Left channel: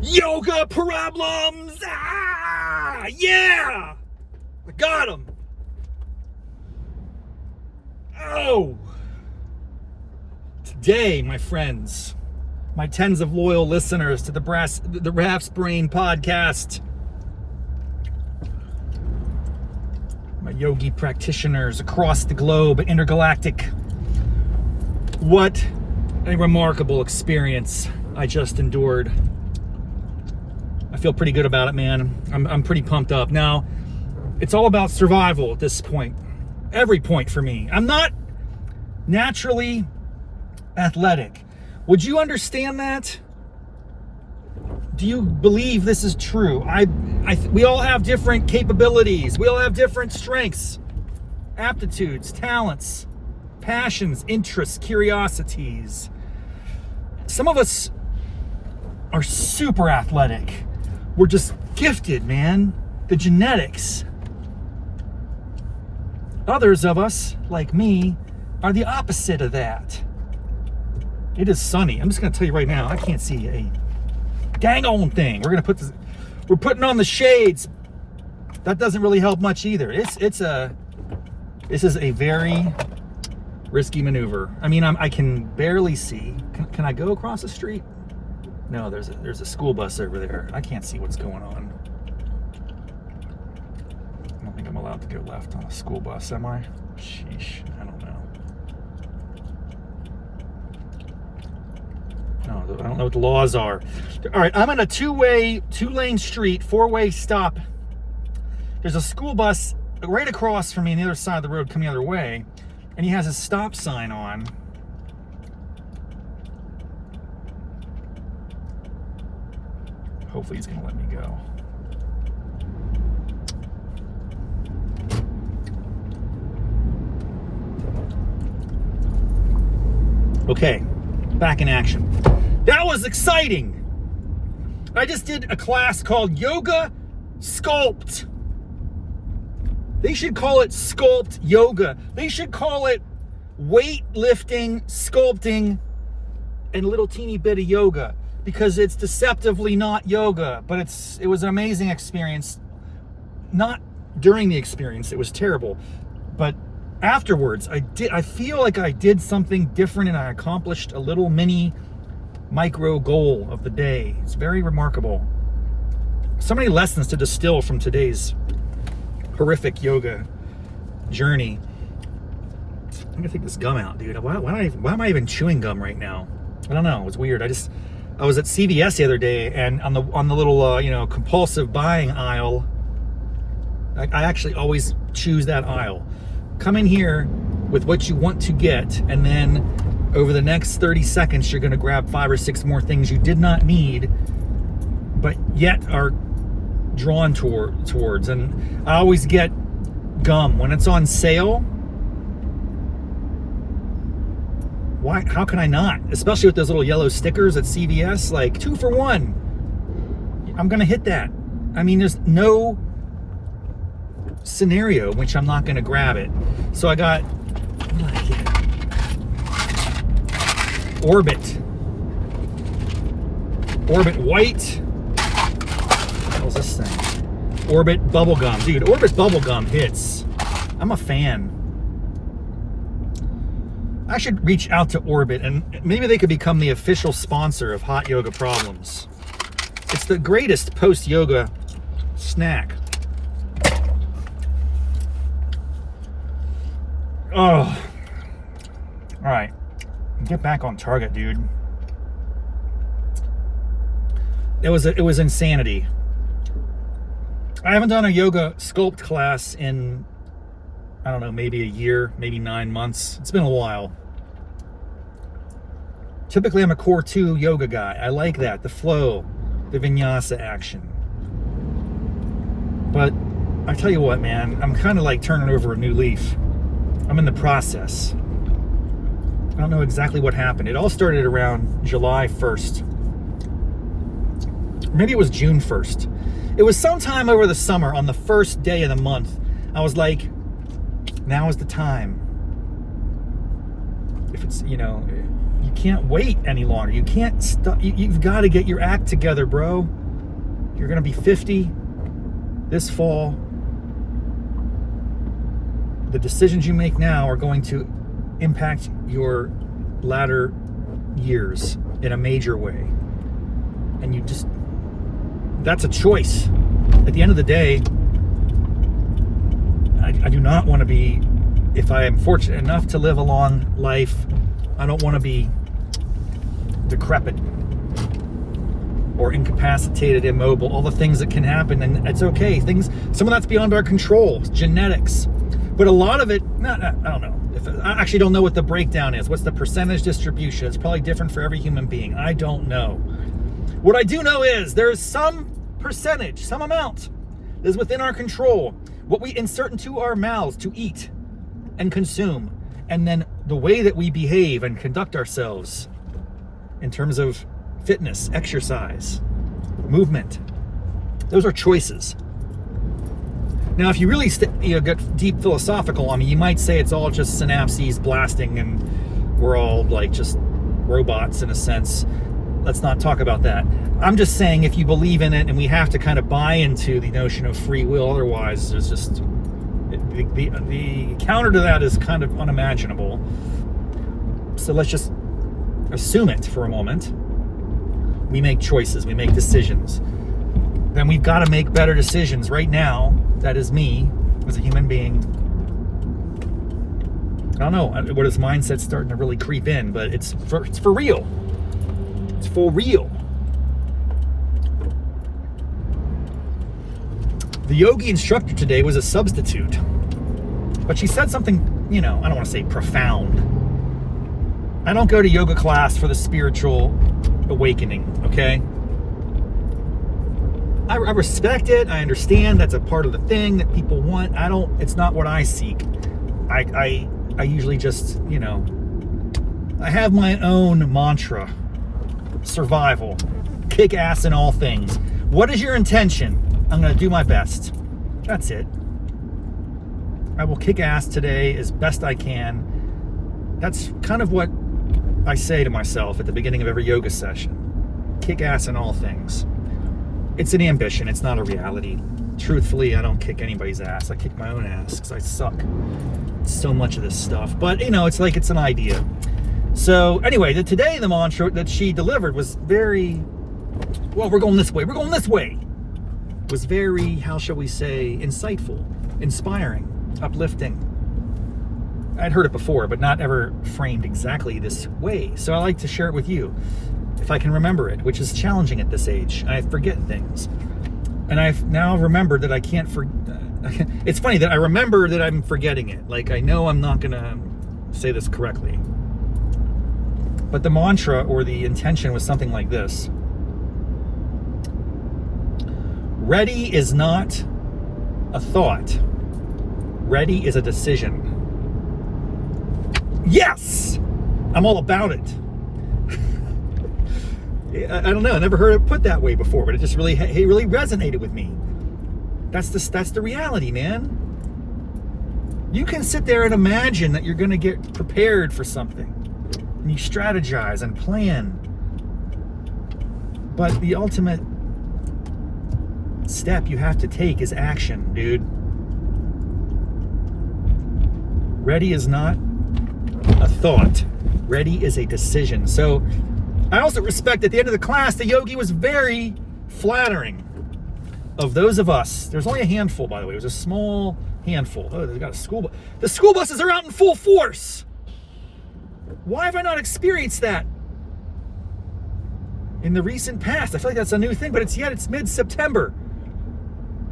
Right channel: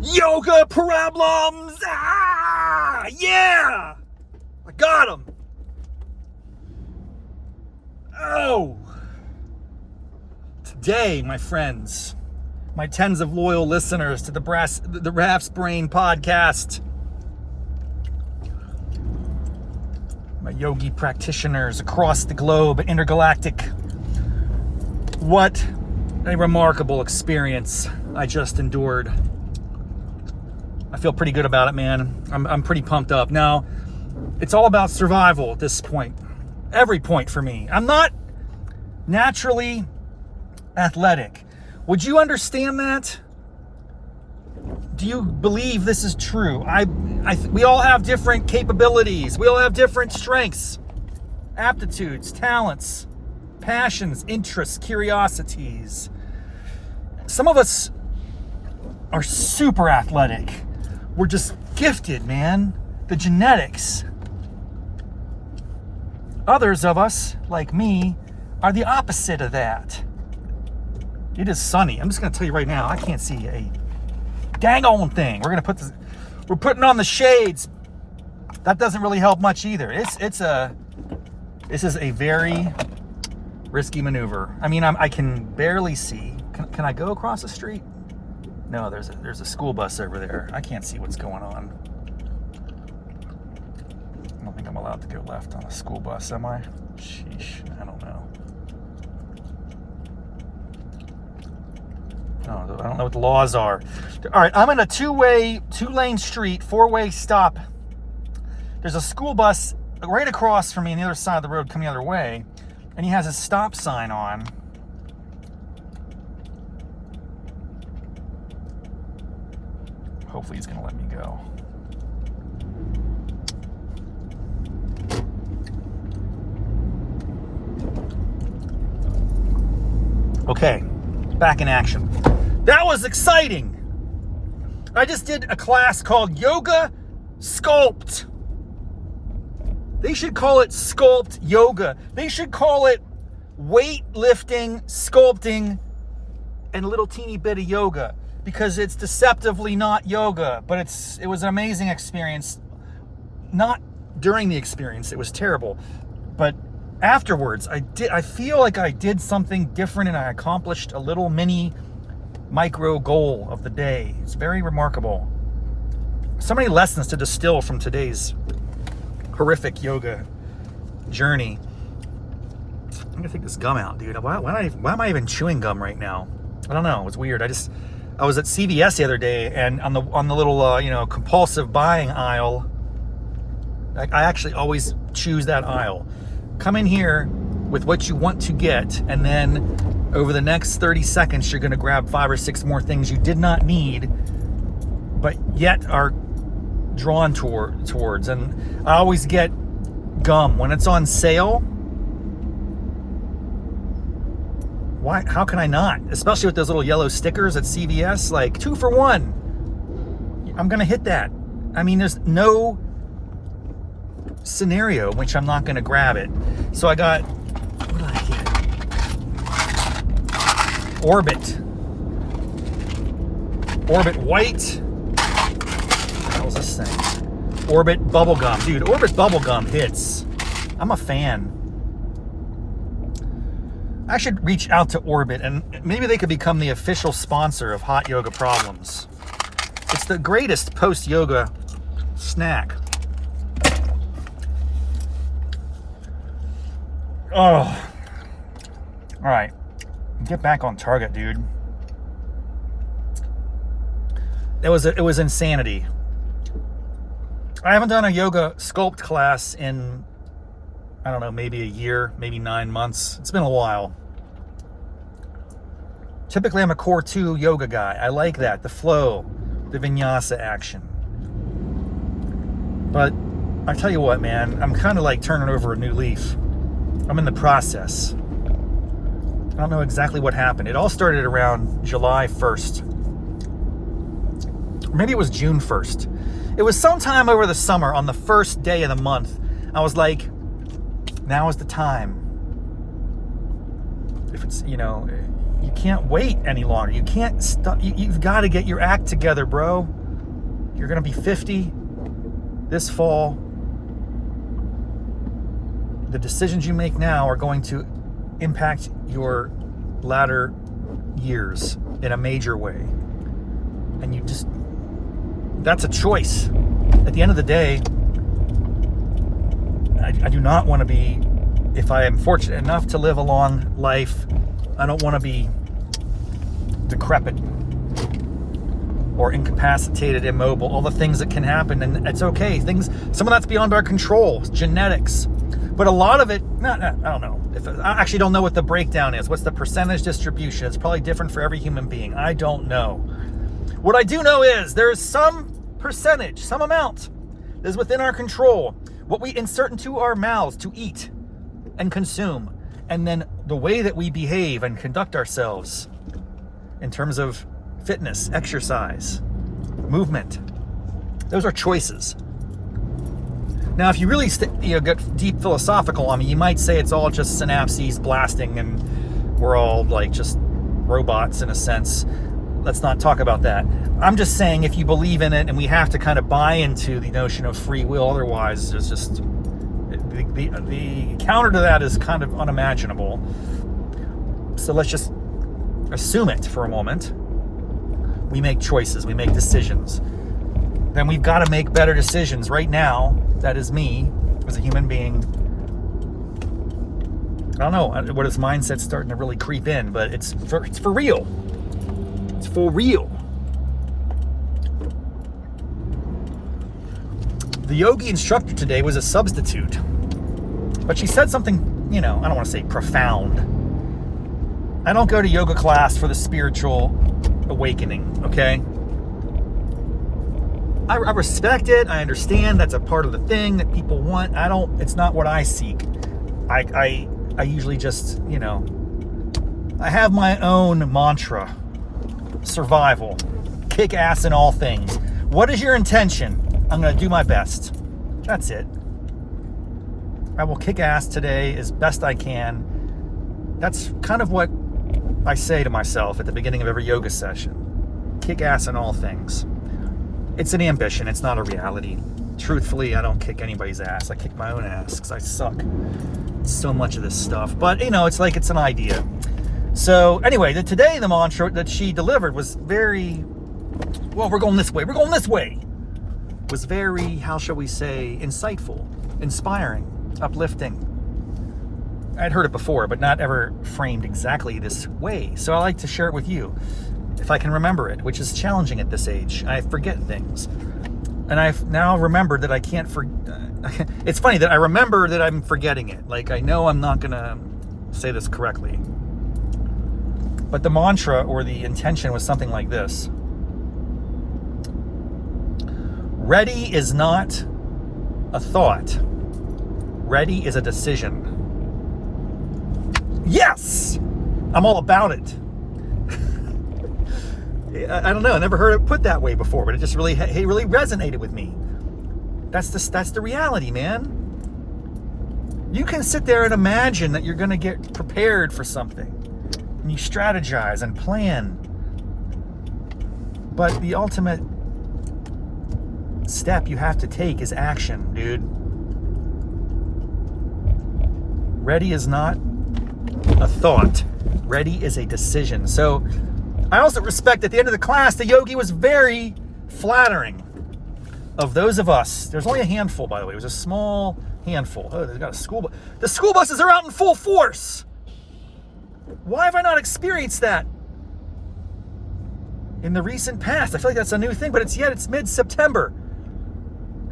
Yoga problems! Ah! Yeah! I got them! Oh! Today, my friends, my tens of loyal listeners to the Raff's Brain podcast, my yogi practitioners across the globe, intergalactic, what a remarkable experience I just endured. I feel pretty good about it, man. I'm pretty pumped up. Now, it's all about survival at this point. Every point for me. I'm not naturally athletic. Would you understand that? Do you believe this is true? We all have different capabilities. We all have different strengths, aptitudes, talents, passions, interests, curiosities. Some of us are super athletic. We're just gifted, man. The genetics. Others of us, like me, are the opposite of that. It is sunny. I'm just going to tell you right now, I can't see a dang on thing. We're putting on the shades. That doesn't really help much either. This is a very risky maneuver. I mean, I can barely see. Can I go across the street? No, there's a school bus over there. I can't see what's going on. I don't think I'm allowed to go left on a school bus, am I? Sheesh, I don't know. Oh, I don't know what the laws are. All right, I'm in a two-lane street, four-way stop. There's a school bus right across from me on the other side of the road coming the other way, and he has a stop sign on. Hopefully he's going to let me go. Okay, back in action. That was exciting. I just did a class called Yoga Sculpt. They should call it Sculpt Yoga. They should call it weightlifting, sculpting, and a little teeny bit of yoga. Because it's deceptively not yoga, but it was an amazing experience. Not during the experience, it was terrible. But afterwards, I feel like I did something different and I accomplished a little mini micro goal of the day. It's very remarkable. So many lessons to distill from today's horrific yoga journey. I'm gonna take this gum out, dude. Why am I even chewing gum right now? I don't know. It's weird. I was at CVS the other day, and on the little compulsive buying aisle, I actually always choose that aisle. Come in here with what you want to get, and then over the next 30 seconds, you're going to grab 5 or 6 more things you did not need, but yet are drawn towards. And I always get gum when it's on sale. Why? How can I not? Especially with those little yellow stickers at CVS, like 2 for 1. I'm gonna hit that. I mean, there's no scenario in which I'm not gonna grab it. So I got, what did I get? Orbit White. What the hell is this thing? Orbit Bubblegum. Dude, Orbit Bubblegum hits. I'm a fan. I should reach out to Orbit and maybe they could become the official sponsor of Hot Yoga Problems. It's the greatest post-yoga snack. Oh. All right. Get back on target, dude. It was insanity. I haven't done a Yoga Sculpt class in, I don't know, maybe a year, maybe 9 months. It's been a while. Typically, I'm a core 2 yoga guy. I like that, the flow, the vinyasa action. But I tell you what, man, I'm kind of like turning over a new leaf. I'm in the process. I don't know exactly what happened. It all started around July 1st. Maybe it was June 1st. It was sometime over the summer on the first day of the month. I was like, now is the time. If it's, you you can't wait any longer. You can't stop. You've got to get your act together, bro. You're going to be 50 this fall. The decisions you make now are going to impact your latter years in a major way. And that's a choice. At the end of the day, I do not want to be, if I am fortunate enough to live a long life, I don't want to be decrepit or incapacitated, immobile, all the things that can happen. And it's okay. Some of that's beyond our control, genetics. But a lot of it, I don't know. I actually don't know what the breakdown is. What's the percentage distribution? It's probably different for every human being. I don't know. What I do know is there's some percentage, some amount that is within our control. What we insert into our mouths to eat and consume. And then the way that we behave and conduct ourselves in terms of fitness, exercise, movement. Those are choices. Now, if you really get deep philosophical, I mean, you might say it's all just synapses blasting and we're all like just robots in a sense. Let's not talk about that. I'm just saying if you believe in it, and we have to kind of buy into the notion of free will, otherwise there's just, the counter to that is kind of unimaginable. So let's just assume it for a moment. We make choices, we make decisions. Then we've got to make better decisions right now. That is me as a human being. I don't know what his mindset's starting to really creep in, but it's for real. It's for real. The yogi instructor today was a substitute, but she said something, I don't want to say profound. I don't go to yoga class for the spiritual awakening, okay? I respect it. I understand that's a part of the thing that people want. It's not what I seek. I usually just, I have my own mantra. Survival. Kick ass in all things. What is your intention? I'm going to do my best. That's it. I will kick ass today as best I can. That's kind of what I say to myself at the beginning of every yoga session. Kick ass in all things. It's an ambition. It's not a reality. Truthfully, I don't kick anybody's ass. I kick my own ass because I suck at so much of this stuff. But, it's like it's an idea. So, anyway, today the mantra that she delivered was very, well, we're going this way. We're going this way. Was very, how shall we say, insightful, inspiring, uplifting. I'd heard it before, but not ever framed exactly this way. So I like to share it with you. If I can remember it, which is challenging at this age. I forget things. And I've now remembered that I can't it's funny that I remember that I'm forgetting it. Like, I know I'm not going to say this correctly. But the mantra or the intention was something like this. Ready is not a thought. Ready is a decision. Yes! I'm all about it. I don't know. I never heard it put that way before, but it just really resonated with me. That's the reality, man. You can sit there and imagine that you're going to get prepared for something, and you strategize and plan. But the ultimate step you have to take is action, dude. Ready is not a thought. Ready is a decision. So I also respect at the end of the class, the yogi was very flattering of those of us. There's only a handful, by the way. It was a small handful. Oh, they've got a school bus. The school buses are out in full force. Why have I not experienced that in the recent past? I feel like that's a new thing, but it's mid-September.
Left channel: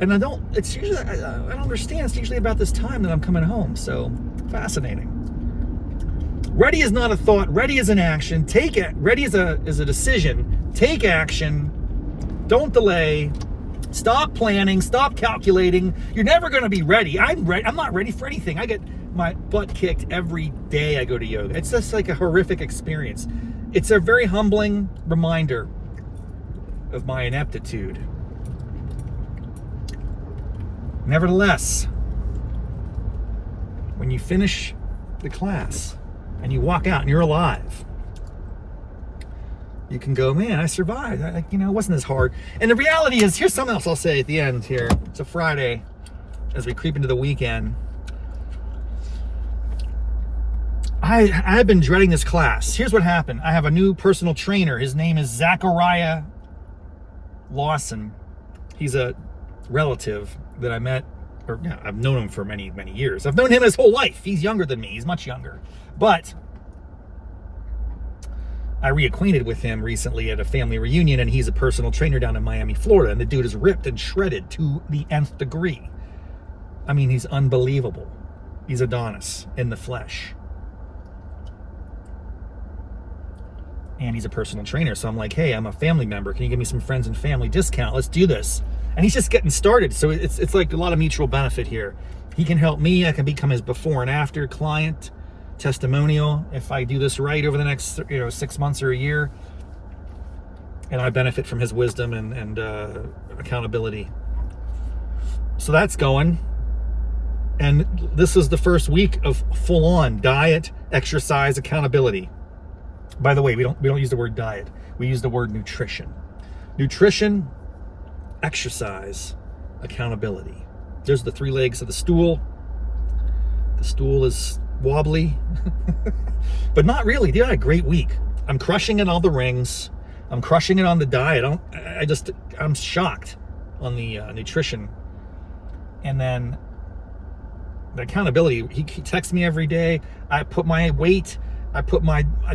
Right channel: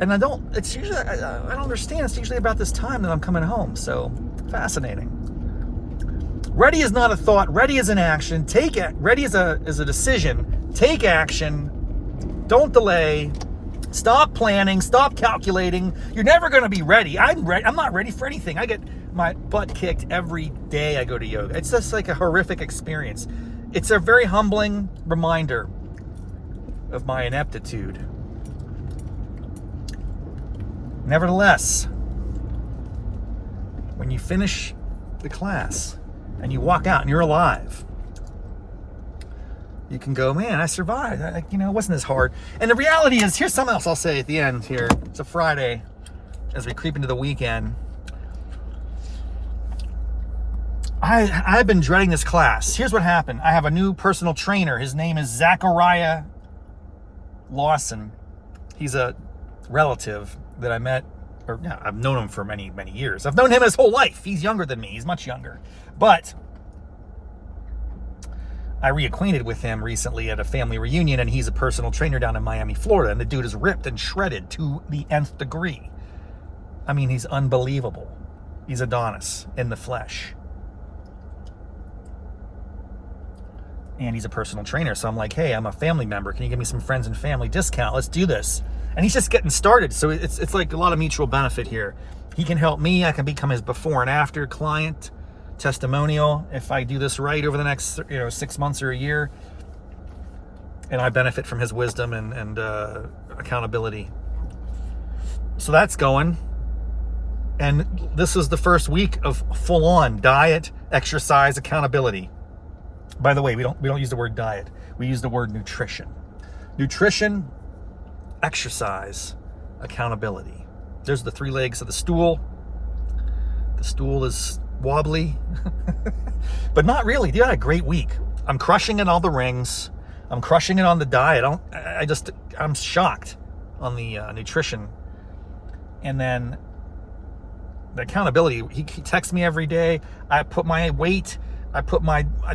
And I don't understand. It's usually about this time that I'm coming home. So fascinating. Ready is not a thought. Ready is an action. Ready is a decision. Take action. Don't delay. Stop planning. Stop calculating. You're never going to be ready. I'm not ready for anything. I get my butt kicked every day I go to yoga. It's just like a horrific experience. It's a very humbling reminder of my ineptitude. Nevertheless, when you finish the class and you walk out and you're alive, you can go, man, I survived. It wasn't as hard. And the reality is, here's something else I'll say at the end here. It's a Friday as we creep into the weekend. I've been dreading this class. Here's what happened. I have a new personal trainer. His name is Zachariah Lawson. He's a relative that I met, I've known him for many, many years. I've known him his whole life. He's younger than me. He's much younger. But I reacquainted with him recently at a family reunion, and he's a personal trainer down in Miami, Florida. And the dude is ripped and shredded to the nth degree. I mean, he's unbelievable. He's Adonis in the flesh. And he's a personal trainer. So I'm like, hey, I'm a family member. Can you give me some friends and family discount? Let's do this. And he's just getting started. So it's like a lot of mutual benefit here. He can help me. I can become his before and after client testimonial if I do this right over the next 6 months or a year. And I benefit from his wisdom and accountability. So that's going. And this is the first week of full-on diet, exercise, accountability. By the way, we don't use the word diet. We use the word nutrition. Nutrition, exercise, accountability. There's the three legs of the stool. The stool is wobbly, but not really. Dude, I had a great week. I'm crushing it on the rings. I'm crushing it on the diet. I'm shocked on the nutrition. And then the accountability, he texts me every day. I put my weight, I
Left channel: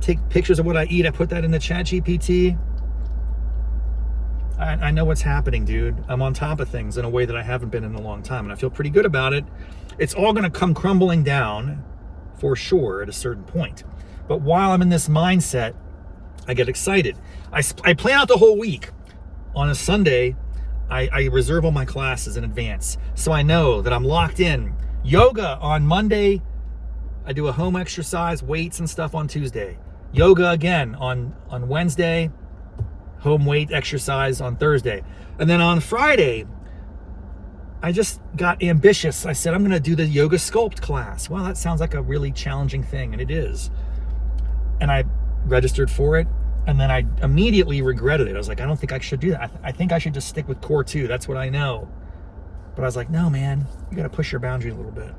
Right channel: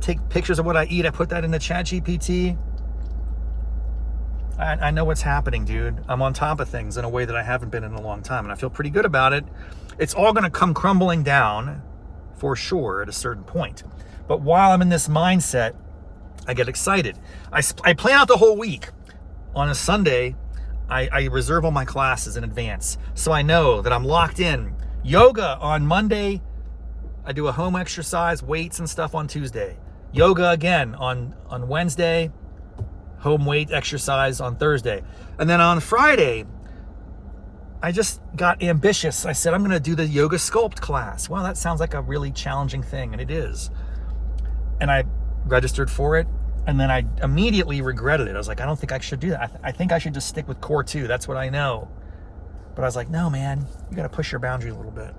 take pictures of what I eat. I put that in the chat GPT. I know what's happening, dude. I'm on top of things in a way that I haven't been in a long time, and I feel pretty good about it. It's all going to come crumbling down for sure at a certain point. But while I'm in this mindset, I get excited. I plan out the whole week. On a Sunday, I reserve all my classes in advance, so I know that I'm locked in. Yoga on Monday. I do a home exercise, weights and stuff on Tuesday. Yoga again on Wednesday. Home weight exercise on Thursday. And then on Friday, I just got ambitious. I said, I'm going to do the Yoga Sculpt class. Well, that sounds like a really challenging thing, and it is. And I registered for it, and then I immediately regretted it. I was like, I don't think I should do that. I think I should just stick with Core 2. That's what I know. But I was like, no, man, you got to push your boundaries a little bit.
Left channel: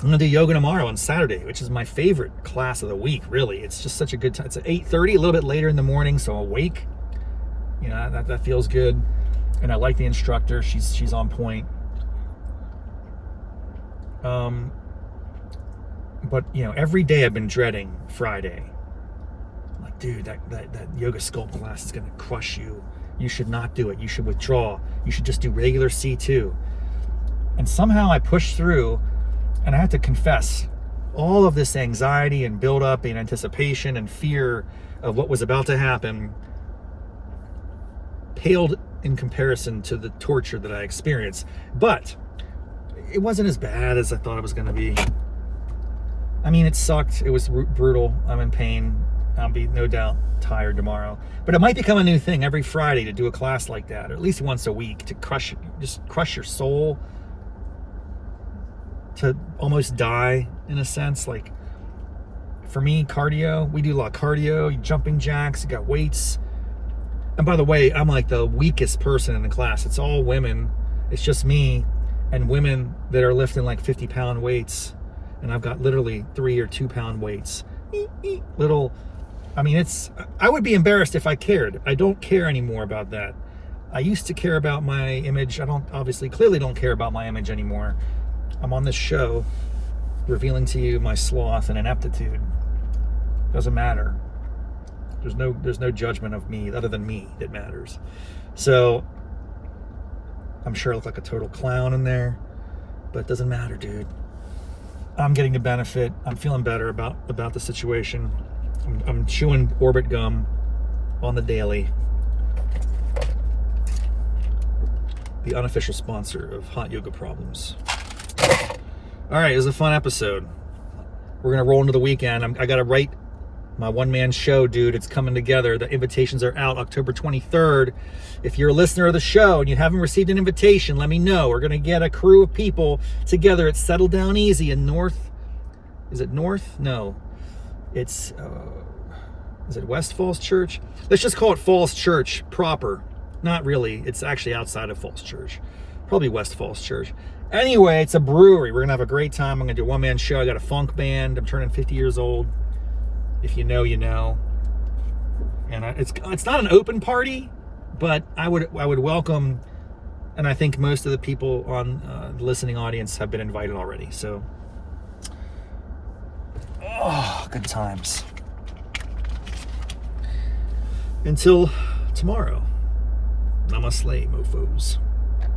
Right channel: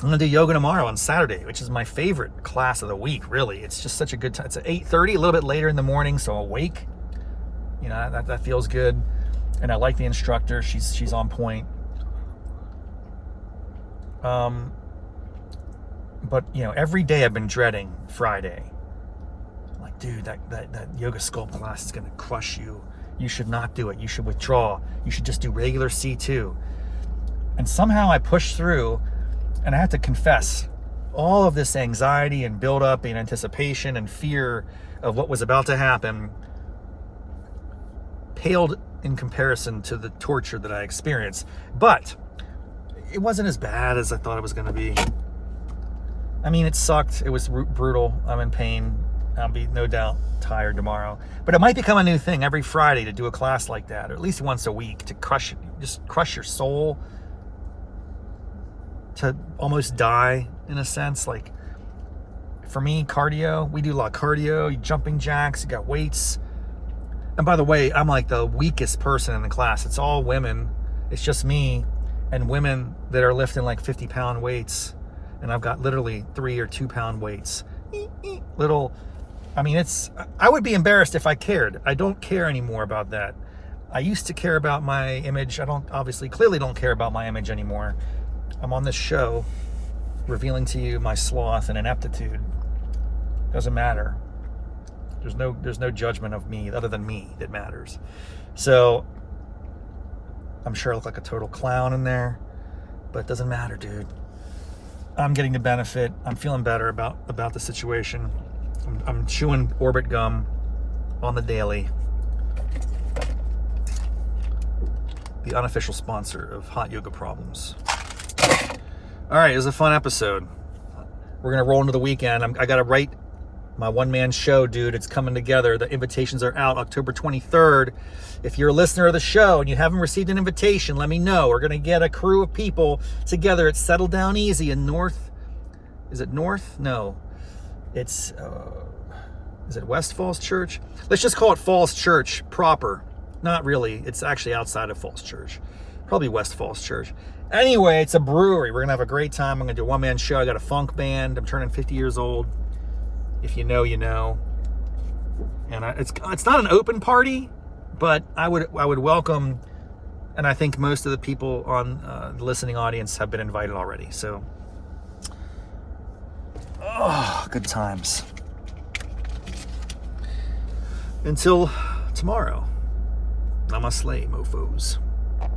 I'm going to do yoga tomorrow on Saturday, which is my favorite class of the week, really. It's just such a good time. It's at 8:30, a little bit later in the morning, so I'm awake. That feels good. And I like the instructor. She's on point. But, every day I've been dreading Friday. Like, dude, that Yoga Sculpt class is going to crush you. You should not do it. You should withdraw. You should just do regular C2. And somehow I pushed through. And I have to confess, all of this anxiety and buildup and anticipation and fear of what was about to happen paled in comparison to the torture that I experienced. But it wasn't as bad as I thought it was going to be. I mean, it sucked. It was brutal. I'm in pain. I'll be no doubt tired tomorrow. But it might become a new thing every Friday to do a class like that, or at least once a week, to crush your soul, to almost die in a sense. Like for me, cardio, we do a lot of cardio, jumping jacks, you got weights. And by the way, I'm like the weakest person in the class. It's all women. It's just me and women that are lifting like 50-pound weights. And I've got literally 3 or 2 pound weights. I would be embarrassed if I cared. I don't care anymore about that. I used to care about my image. Clearly don't care about my image anymore. I'm on this show revealing to you my sloth and ineptitude. Doesn't matter. There's no judgment of me other than me that matters. So I'm sure I look like a total clown in there, but it doesn't matter, dude. I'm getting the benefit. I'm feeling better about the situation. I'm chewing Orbit gum on the daily. The unofficial sponsor of Hot Yoga Problems. All right, it was a fun episode. We're going to roll into the weekend. I got to write my one-man show, dude. It's coming together. The invitations are out October 23rd. If you're a listener of the show and you haven't received an invitation, let me know. We're going to get a crew of people together at Settle Down Easy in North. Is it North? No. It's Is it West Falls Church? Let's just call it Falls Church proper. Not really. It's actually outside of Falls Church. Probably West Falls Church. Anyway, it's a brewery. We're going to have a great time. I'm going to do a one-man show. I got a funk band. I'm turning 50 years old. If you know, you know. And it's not an open party, but I would welcome, and I think most of the people on the listening audience have been invited already. So, good times. Until tomorrow. Namaste, mofos.